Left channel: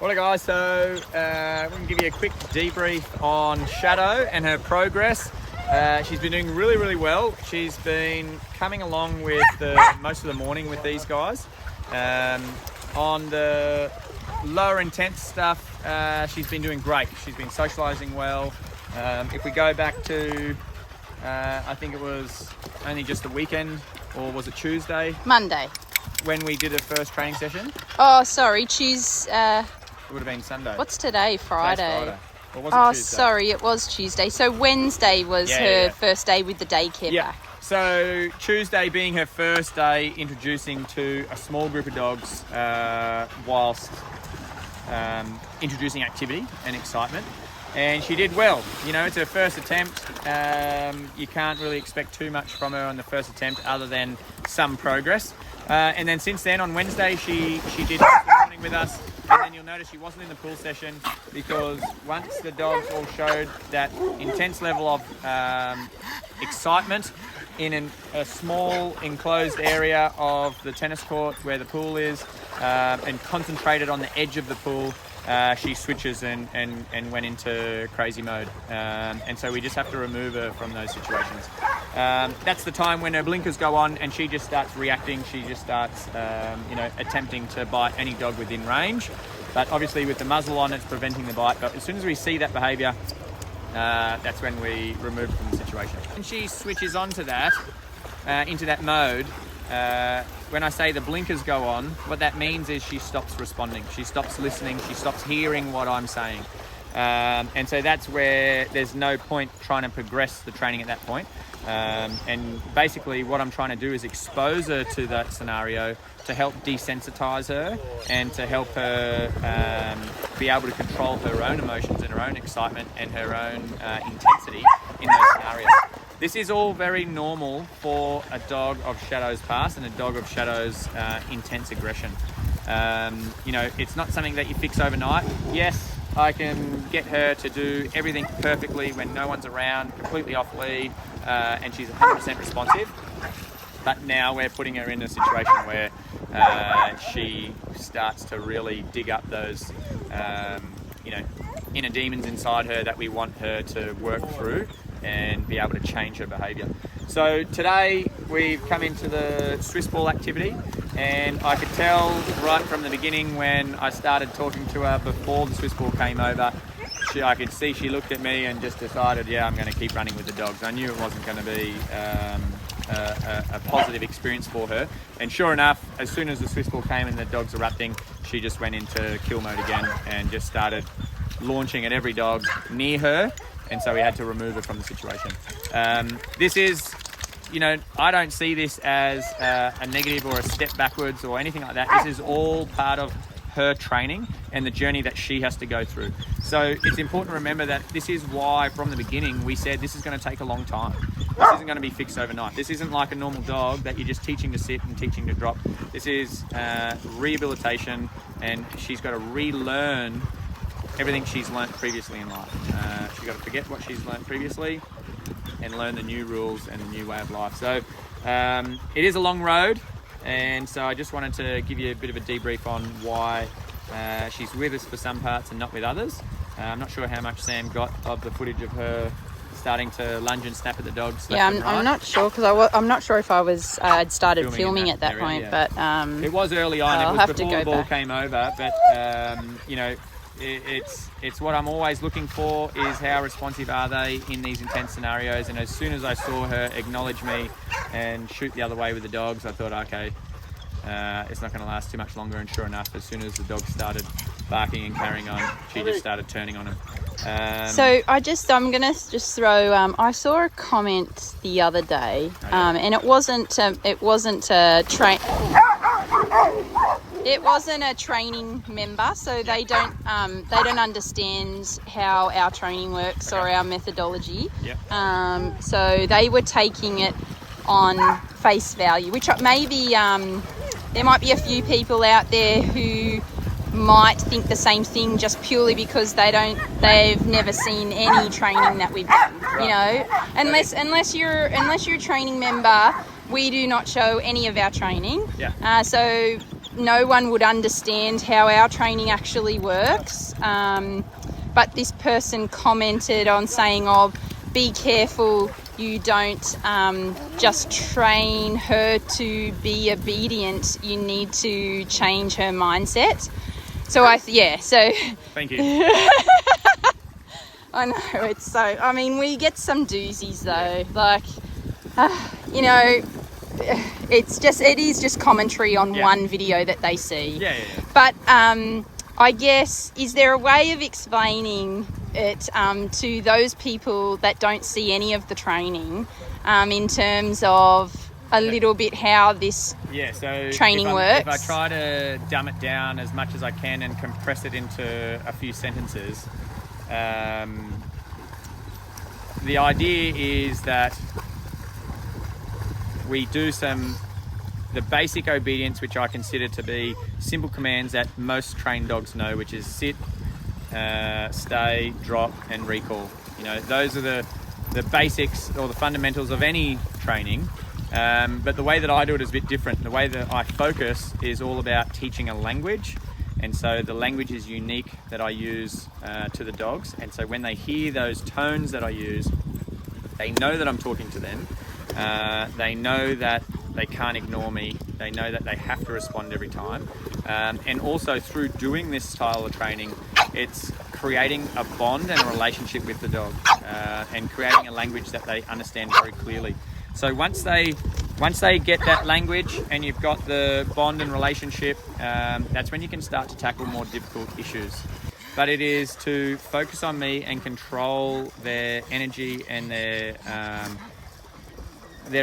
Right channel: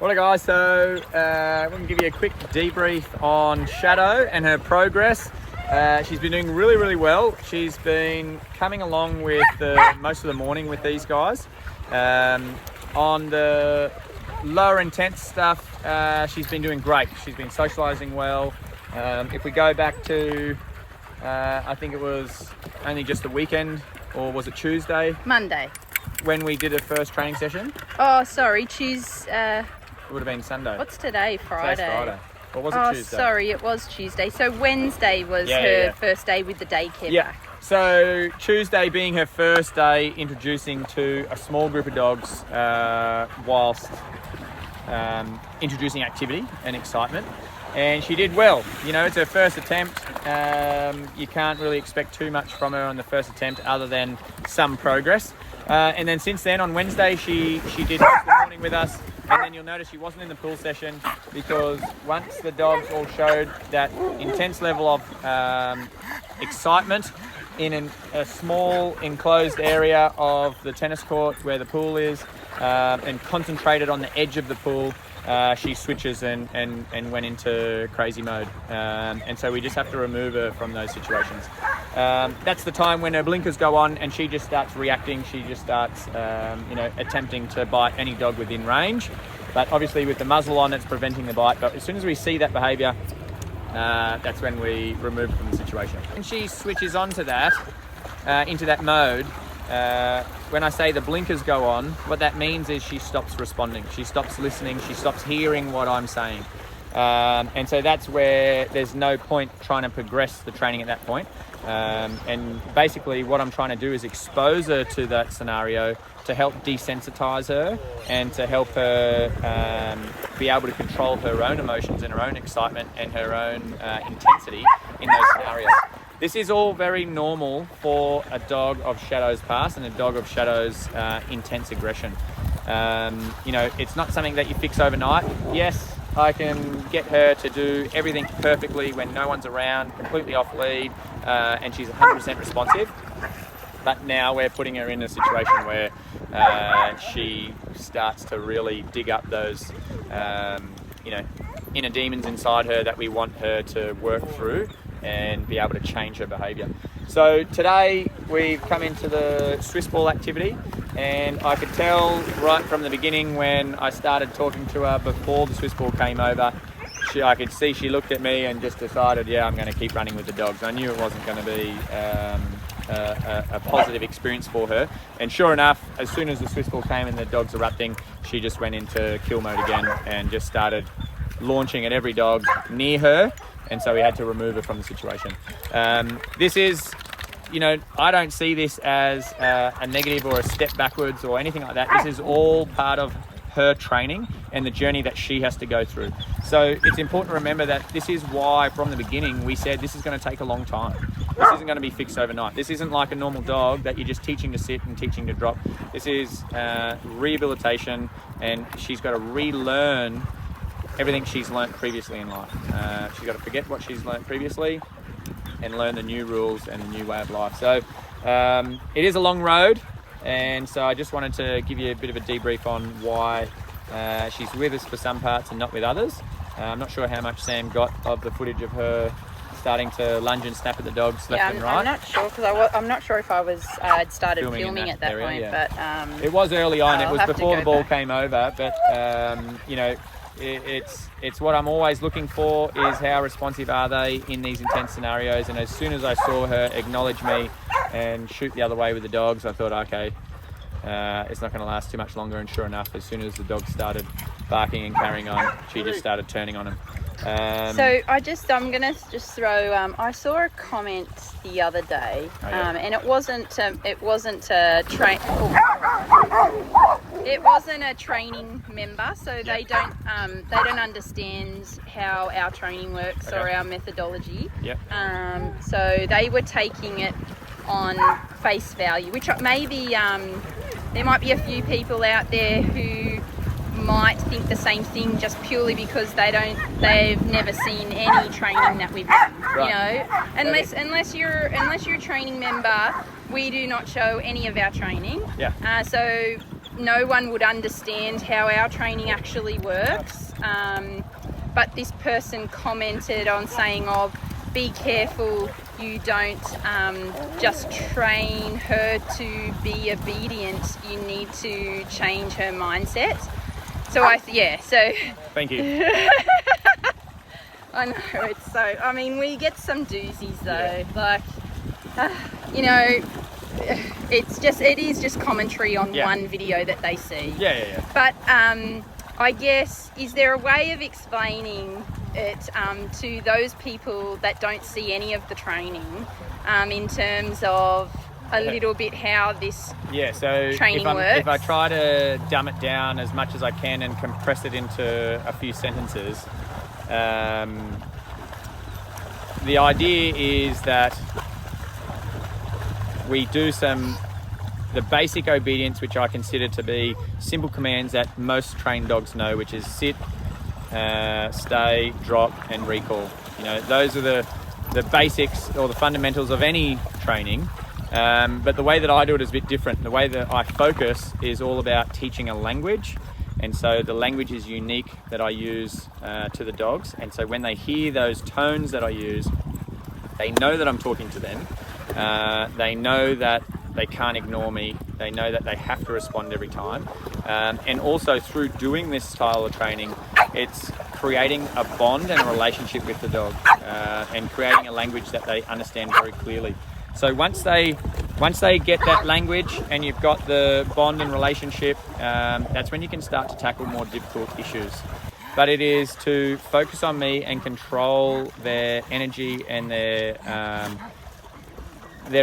Well, guys, so we're going to give you a quick debrief on Shadow and her progress. She's been doing really, really well. She's been coming along with most of the morning with these guys. On the lower intense stuff, she's been doing great. She's been socialising well. If we go back to, I think it was only just the weekend, or was it Tuesday? Monday. When we did a first training session? Oh, sorry, It would have been Sunday. What's today? Friday. Today's Friday. Or was it Tuesday? Oh, sorry, it was Tuesday. So Wednesday was her first day with the daycare back. So Tuesday being her first day introducing to a small group of dogs whilst introducing activity and excitement. And she did well. You know, it's her first attempt. You can't really expect too much from her on the first attempt other than some progress. And then since then, on Wednesday, she did the morning with us. And then you'll notice she wasn't in the pool session because once the dogs all showed that intense level of excitement in a small enclosed area of the tennis court where the pool is and concentrated on the edge of the pool, she switches and went into crazy mode. And so we just have to remove her from those situations. That's the time when her blinkers go on and she just starts reacting. She just starts, attempting to bite any dog within range. But obviously with the muzzle on, it's preventing the bite. But as soon as we see that behaviour, that's when we remove her from the situation. And she switches onto that, into that mode. When I say the blinkers go on, what that means is she stops responding. She stops listening. She stops hearing what I'm saying. And so that's where there's no point trying to progress the training at that point. And basically what I'm trying to do is expose her to that scenario to help desensitize her and to help her be able to control her own emotions and her own excitement and her own intensity in those scenarios. This is all very normal for a dog of Shadow's past and a dog of Shadow's intense aggression. It's not something that you fix overnight. Yes, I can get her to do everything perfectly when no one's around, completely off lead, and she's 100% responsive. But now we're putting her in a situation where she starts to really dig up those, inner demons inside her that we want her to work through and be able to change her behaviour. So today we've come into the Swiss ball activity, and I could tell right from the beginning when I started talking to her before the Swiss ball came over, I could see she looked at me and just decided, I'm going to keep running with the dogs. I knew it wasn't going to be a positive experience for her. And sure enough, as soon as the Swiss ball came and the dogs erupting, she just went into kill mode again and just started launching at every dog near her. And so we had to remove her from the situation. This is, I don't see this as a negative or a step backwards or anything like that. This is all part of her training and the journey that she has to go through. So it's important to remember that this is why from the beginning we said this is going to take a long time. This isn't going to be fixed overnight. This isn't like a normal dog that you're just teaching to sit and teaching to drop. This is rehabilitation, and she's got to relearn everything she's learnt previously in life. She's got to forget what she's learnt previously and learn the new rules and the new way of life. So it is a long road, and so I just wanted to give you a bit of a debrief on why she's with us for some parts and not with others. I'm not sure how much Sam got of the footage of her starting to lunge and snap at the dogs left and right. I'm not sure because I'm not sure if I'd started filming at that area, point. Yeah. But it was early on. It was before the ball came over, but it's what I'm always looking for is how responsive are they in these intense scenarios. And as soon as I saw her acknowledge me and shoot the other way with the dogs, I thought, okay, it's not going to last too much longer. And sure enough, as soon as the dogs started barking and carrying on, she just started turning on them. So I'm gonna just throw. I saw a comment the other day, and it wasn't a training member, so they don't understand how our training works or our methodology. So they were taking it on face value, which maybe there might be a few people out there who might think the same thing just purely because they've never seen any training that we've done. Right. Unless you're a training member, we do not show any of our training. So no one would understand how our training actually works. But this person commented on saying, "Oh, be careful, you don't just train her to be obedient. You need to change her mindset." So so Thank you. I know, it's so, I mean, we get some doozies though, Yeah. like, you know, it is just commentary on one video that they see. Yeah. But I guess, is there a way of explaining it to those people that don't see any of the training in terms of a little bit how this training works? If I try to dumb it down as much as I can and compress it into a few sentences, the idea is that we do the basic obedience, which I consider to be simple commands that most trained dogs know, which is sit, stay, drop, and recall. You know, those are the basics or the fundamentals of any training. But the way that I do it is a bit different. The way that I focus is all about teaching a language. And so the language is unique that I use to the dogs. And so when they hear those tones that I use, they know that I'm talking to them. They know that they can't ignore me. They know that they have to respond every time. And also through doing this style of training, it's creating a bond and a relationship with the dog and creating a language that they understand very clearly. So once they get that language and you've got the bond and relationship, that's when you can start to tackle more difficult issues. But it is to focus on me and control their energy and their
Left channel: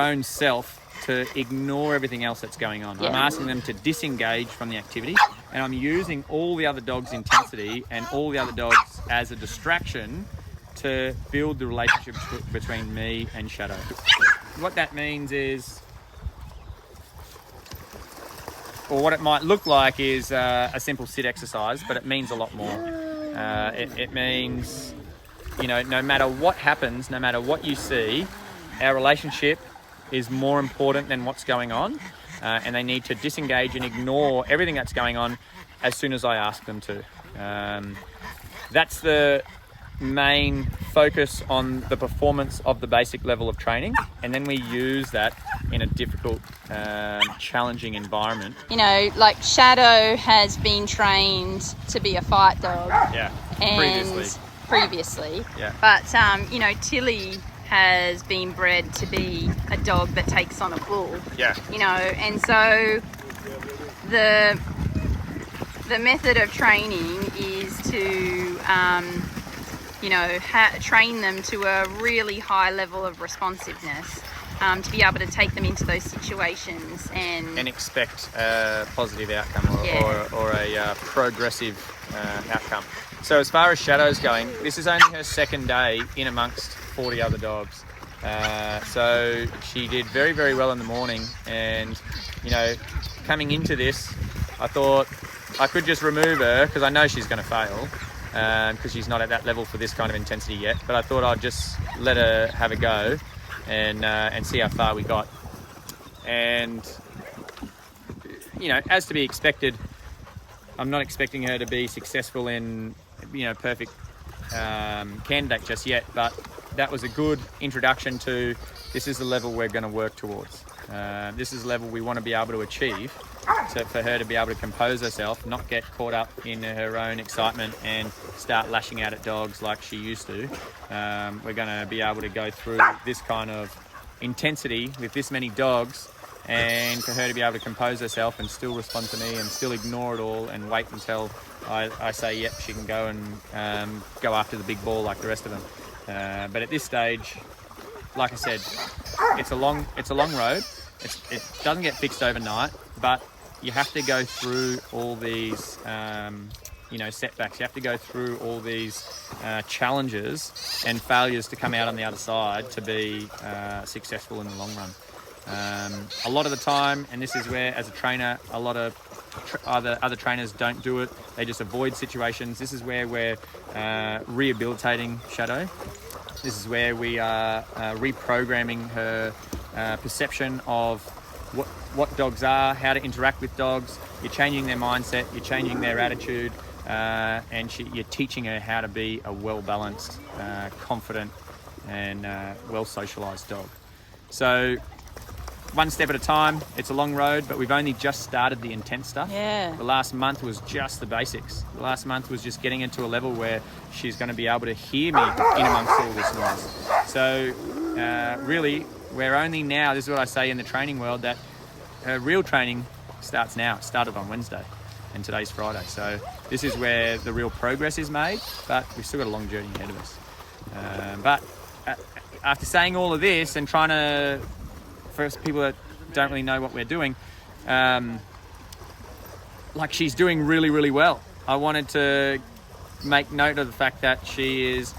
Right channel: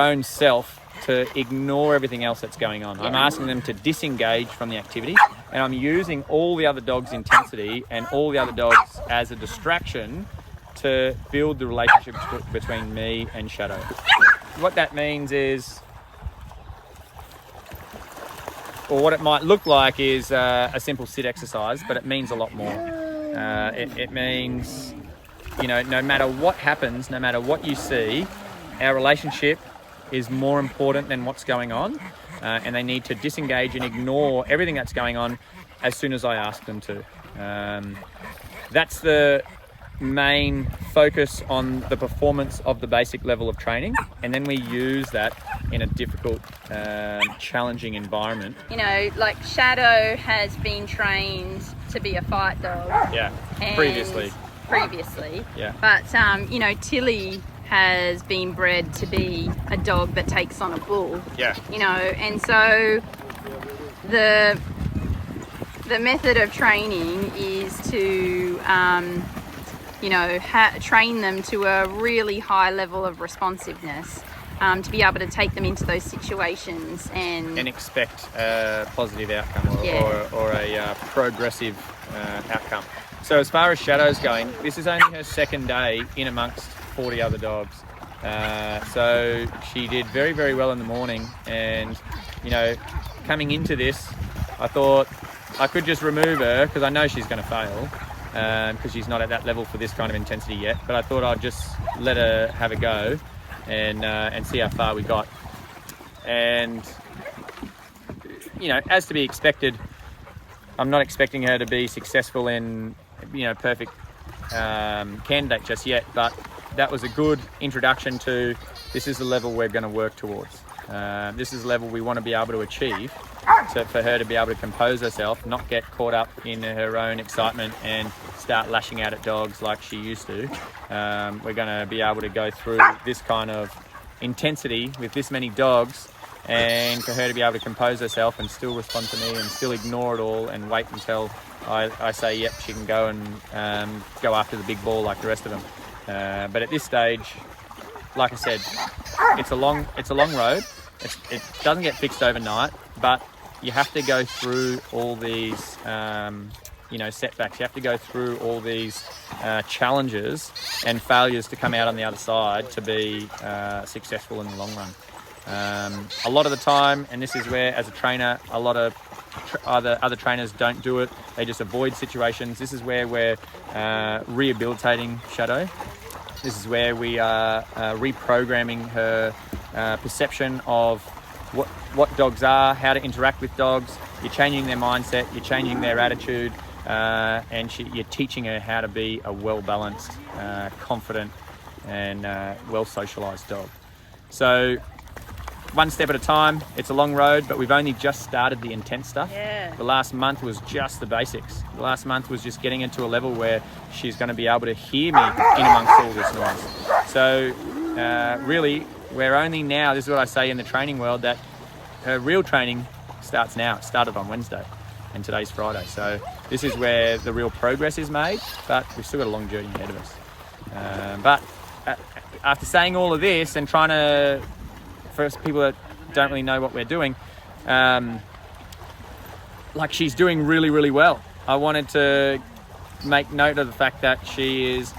own self, to ignore everything else that's going on. I'm asking them to disengage from the activity, and I'm using all the other dogs' intensity and all the other dogs as a distraction to build the relationship between me and Shadow. What that means is, or what it might look like is a simple sit exercise, but it means a lot more. It means, you know, no matter what happens, no matter what you see, our relationship is more important than what's going on, and they need to disengage and ignore everything that's going on as soon as I ask them to. That's the main focus on the performance of the basic level of training, and then we use that in a difficult, challenging environment. You know, like Shadow has been trained to be a fight dog. Yeah, previously. Yeah. But, you know, Tilly has been bred to be a dog that takes on a bull. Yeah. You know, and so the method of training is to, you know, train them to a really high level of responsiveness, to be able to take them into those situations and expect a positive outcome or a progressive outcome. So as far as Shadow's going, this is only her second day in amongst 40 other dogs. So she did very, very well in the morning, and, you know, coming into this, I thought I could just remove her because I know she's going to fail, because she's not at that level for this kind of intensity yet. But I thought I'd just let her have a go and see how far we got. And, you know, as to be expected, I'm not expecting her to be successful in, you know, perfect candidate just yet, but that was a good introduction to, this is the level we're going to work towards. This is the level we want to be able to achieve, so for her to be able to compose herself, not get caught up in her own excitement and start lashing out at dogs like she used to. We're going to be able to go through this kind of intensity with this many dogs, and for her to be able to compose herself and still respond to me and still ignore it all and wait until I say, yep, she can go and go after the big ball like the rest of them. But at this stage, like I said, it's a long road. It doesn't get fixed overnight, but you have to go through all these, you know, setbacks. You have to go through all these challenges and failures to come out on the other side to be successful in the long run. A lot of the time, and this is where, as a trainer, a lot of other trainers don't do it. They just avoid situations. This is where we're rehabilitating Shadow. This is where we are reprogramming her perception of what dogs are, how to interact with dogs. You're changing their mindset, you're changing their attitude, and you're teaching her how to be a well-balanced, confident, and well-socialised dog. So one step at a time. It's a long road, but we've only just started the intense stuff. Yeah. The last month was just the basics. The last month was just getting into a level where she's going to be able to hear me in amongst all this noise. So really, we're only now, this is what I say in the training world, that her real training starts now. It started on Wednesday, and today's Friday. So this is where the real progress is made, but we've still got a long journey ahead of us. But after saying all of this and trying to, for people that don't really know what we're doing, like, she's doing really, really well. I wanted to make note of the fact that she is,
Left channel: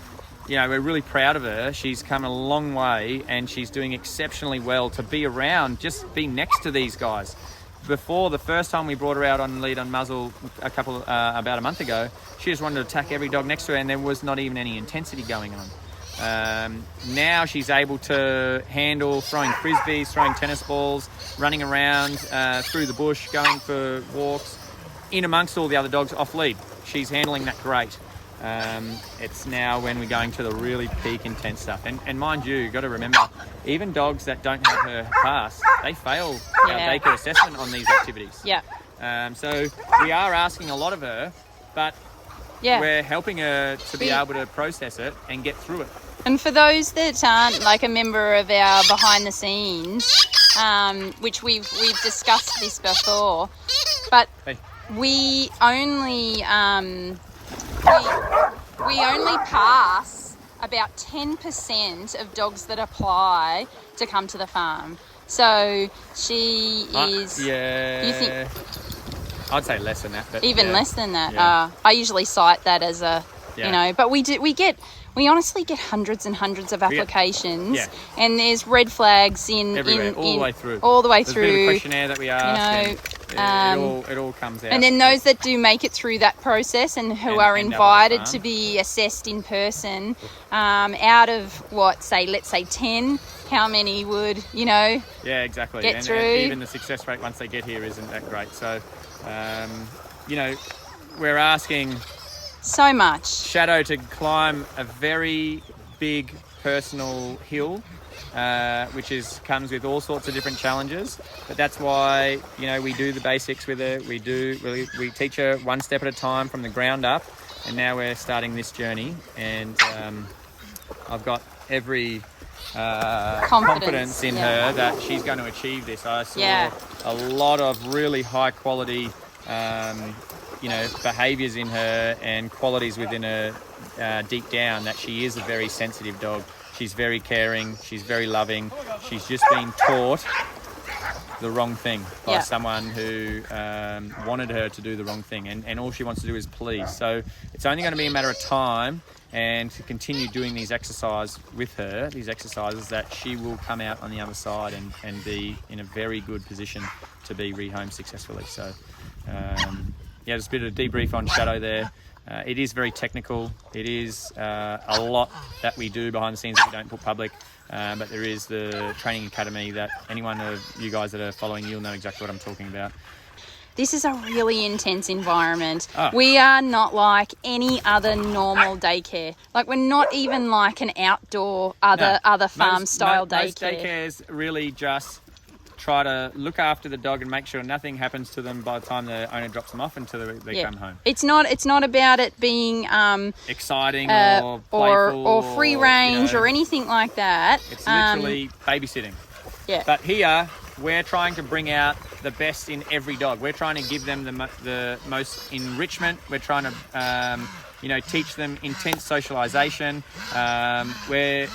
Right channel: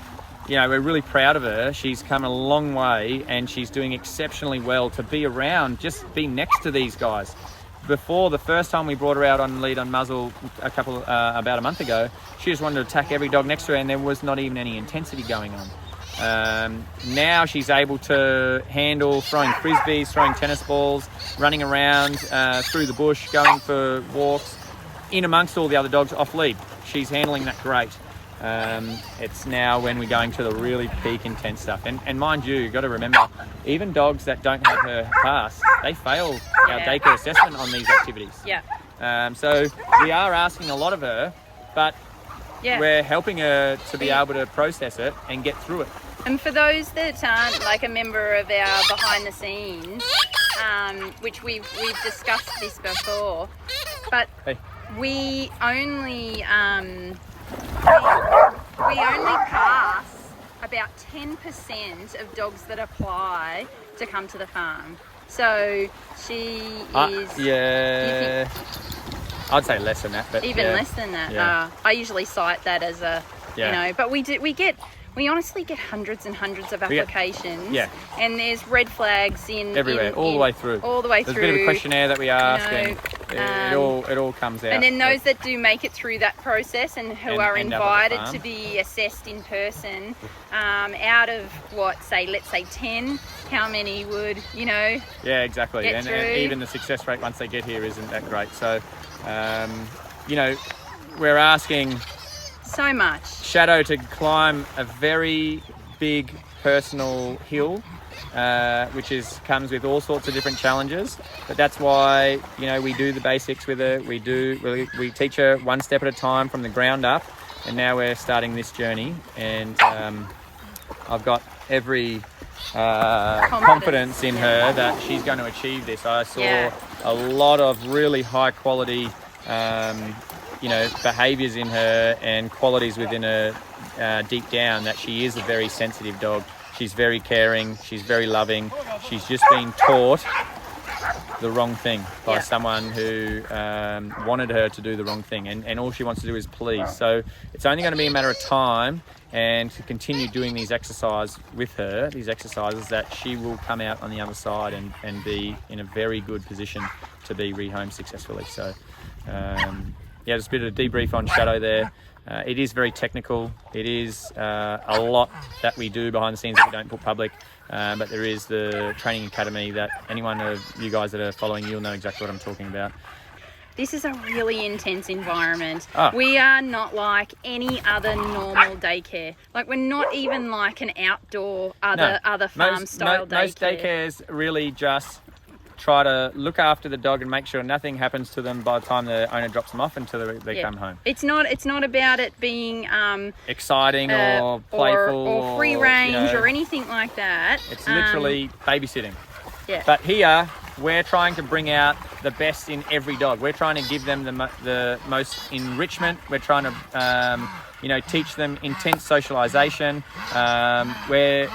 you know, we're really proud of her. She's come a long way and she's doing exceptionally well to be around, just be next to these guys. Before, the first time we brought her out on lead on muzzle about a month ago, she just wanted to attack every dog next to her and there was not even any intensity going on. Now she's able to handle throwing frisbees, throwing tennis balls, running around through the bush, going for walks, in amongst all the other dogs off lead. She's handling that great. It's now when we're going to the really peak intense stuff. And mind you, you've got to remember, even dogs that don't have her pass, they fail our daycare assessment on these activities. Yeah. So we are asking a lot of her, but we're helping her to be able to process it and get through it. And for those that aren't like a member of our behind the scenes, which we've discussed this before, but we only we only pass about 10% of dogs that apply to come to the farm. So she is. Yeah. I'd say less than that, but even less than that. Yeah. I usually cite that as a, you know, but we honestly get hundreds and hundreds of applications, and there's red flags everywhere, all the way through. There's a bit of a questionnaire that we ask, and it all comes out. And then those that do make it through that process and who are invited to be assessed in person, out of let's say 10, how many would, you know? Yeah, exactly. And even the success rate once they get here isn't that great. So, you know, we're asking so much. Shadow to climb a very big personal hill, which comes with all sorts of different challenges. But that's why, you know, we do the basics with her. We teach her one step at a time from the ground up, and now we're starting this journey. And I've got every confidence in her that she's going to achieve this. I saw a lot of really high quality behaviours in her and qualities within her deep down, that she is a very sensitive dog. She's very caring, she's very loving. She's just been taught the wrong thing by someone who wanted her to do the wrong thing, and all she wants to do is please. So it's only going to be a matter of time, and to continue doing these exercises with her, that she will come out on the other side and be in a very good position to be rehomed successfully. So just a bit of a debrief on Shadow there. It is very technical. It is a lot that we do behind the scenes that we don't put public, but there is the training academy that anyone of you guys that are following, you'll know exactly what I'm talking about. This is a really intense environment. We are not like any other normal daycare. Like, we're not even like an outdoor other farm style daycare. Most daycares really just try to look after the dog and make sure nothing happens to them by the time the owner drops them off until they come home. It's not about it being exciting or playful or free range or anything like that. It's literally babysitting. Yeah. But here we're trying to bring out the best in every dog. We're trying to give them the most enrichment. We're trying to teach them intense socialization, where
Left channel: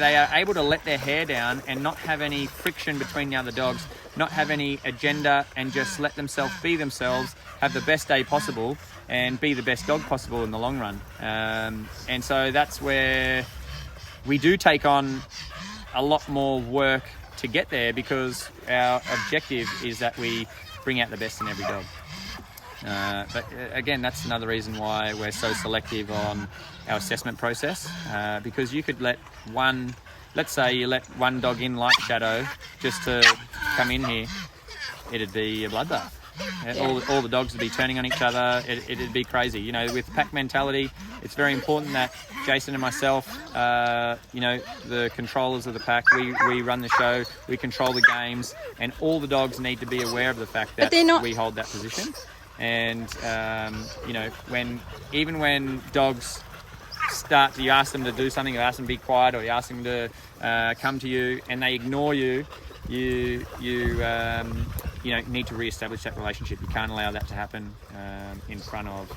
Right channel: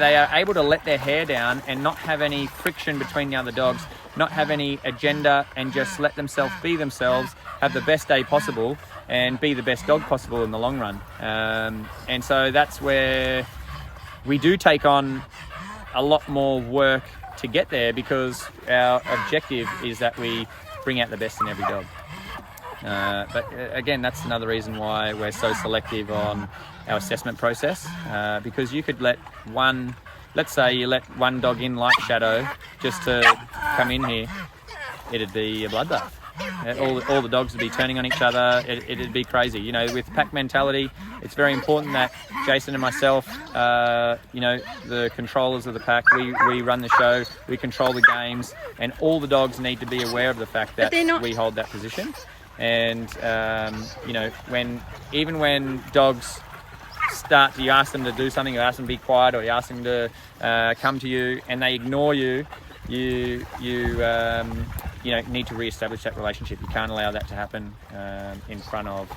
they are able to let their hair down and not have any friction between the other dogs, not have any agenda, and just let themselves be themselves, have the best day possible, and be the best dog possible in the long run. And so that's where we do take on a lot more work to get there, because our objective is that we bring out the best in every dog. But again, that's another reason why we're so selective on our assessment process, because you could let one let's say you let one dog in like Shadow just to come in here, it'd be a bloodbath. All the dogs would be turning on each other. It'd be crazy. You know, with pack mentality, it's very important that Jason and myself, you know, the controllers of the pack, we run the show, we control the games, and all the dogs need to be aware of the fact that we hold that position. And you know, even when dogs start, you ask them to do something, you ask them to be quiet, or you ask them to come to you, and they ignore you, you know, need to re-establish that relationship. You can't allow that to happen in front of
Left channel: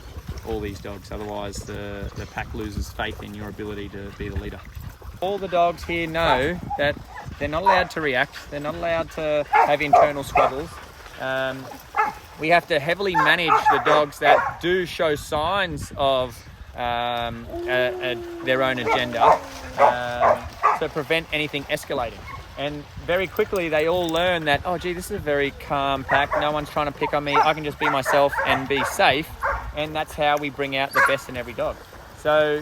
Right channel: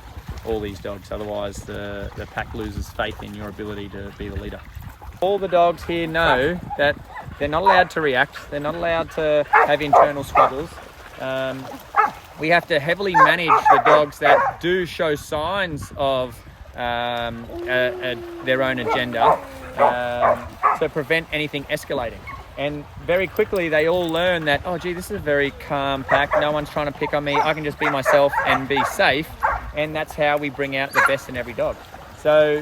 all these dogs. Otherwise, the pack loses faith in your ability to be the leader. All the dogs here know that they're not allowed to react. They're not allowed to have internal squabbles. We have to heavily manage the dogs that do show signs of their own agenda to prevent anything escalating. And very quickly they all learn that, oh gee, this is a very calm pack, no one's trying to pick on me, I can just be myself and be safe. And that's how we bring out the best in every dog. So,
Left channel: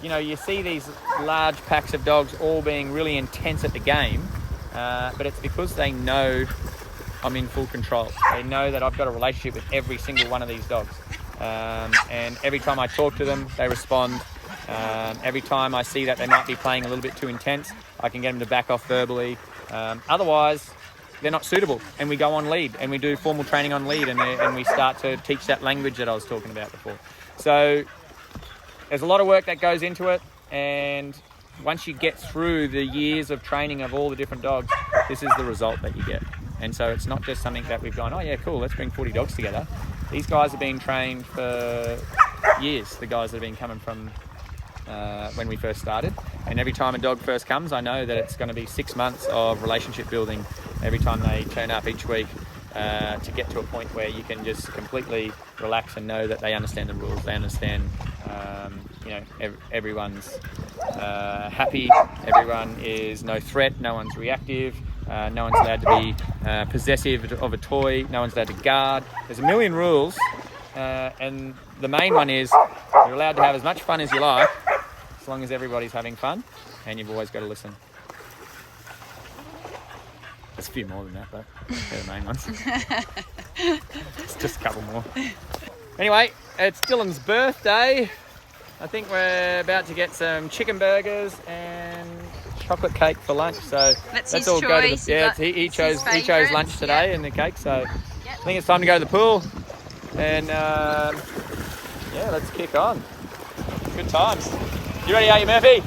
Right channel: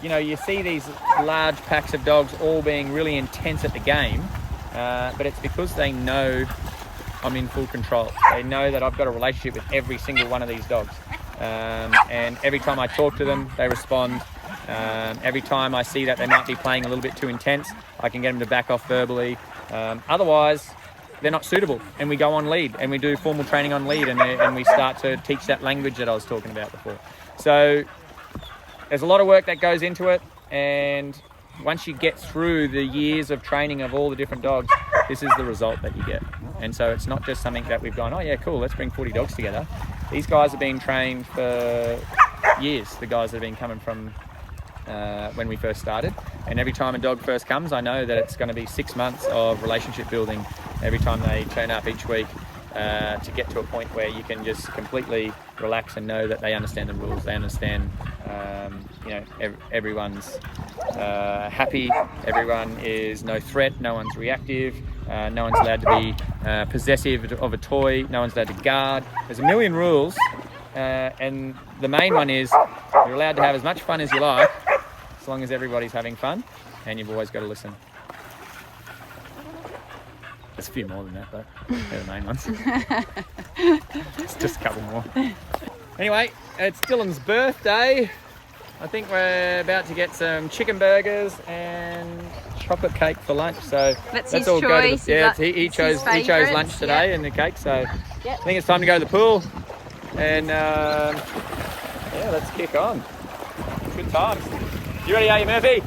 you know, you see these large packs of dogs all being really intense at the game, but it's because they know I'm in full control. They know that I've got a relationship with every single one of these dogs. And every time I talk to them, they respond. Every time I see that they might be playing a little bit too intense, I can get them to back off verbally. Otherwise, they're not suitable, and we go on lead, and we do formal training on lead, and we start to teach that language that I was talking about before. So there's a lot of work that goes into it, and once you get through the years of training of all the different dogs, this is the result that you get. And so it's not just something that we've gone, oh yeah, cool, let's bring 40 dogs together. These guys have been trained for years, the guys that have been coming from when we first started. And every time a dog first comes, I know that it's going to be 6 months of relationship building every time they turn up each week, to get to a point where you can just completely relax and know that they understand the rules, they understand, you know, everyone's happy, everyone is no threat, no one's reactive, no one's allowed to be possessive of a toy, no one's allowed to guard. There's a million rules, and the main one is you're allowed to have as much fun as you like, as long as everybody's having fun, and you've always got to listen. There's a few more than that, but they're the main ones. It's just a couple more. Anyway, it's Dylan's birthday. I think we're about to get some chicken burgers and chocolate cake for lunch. So let's all go to choice. the, yeah, he chose lunch today, and the cake. So I think it's time to go to the pool, and yeah, let's kick on. Good times. You ready, are you, Murphy?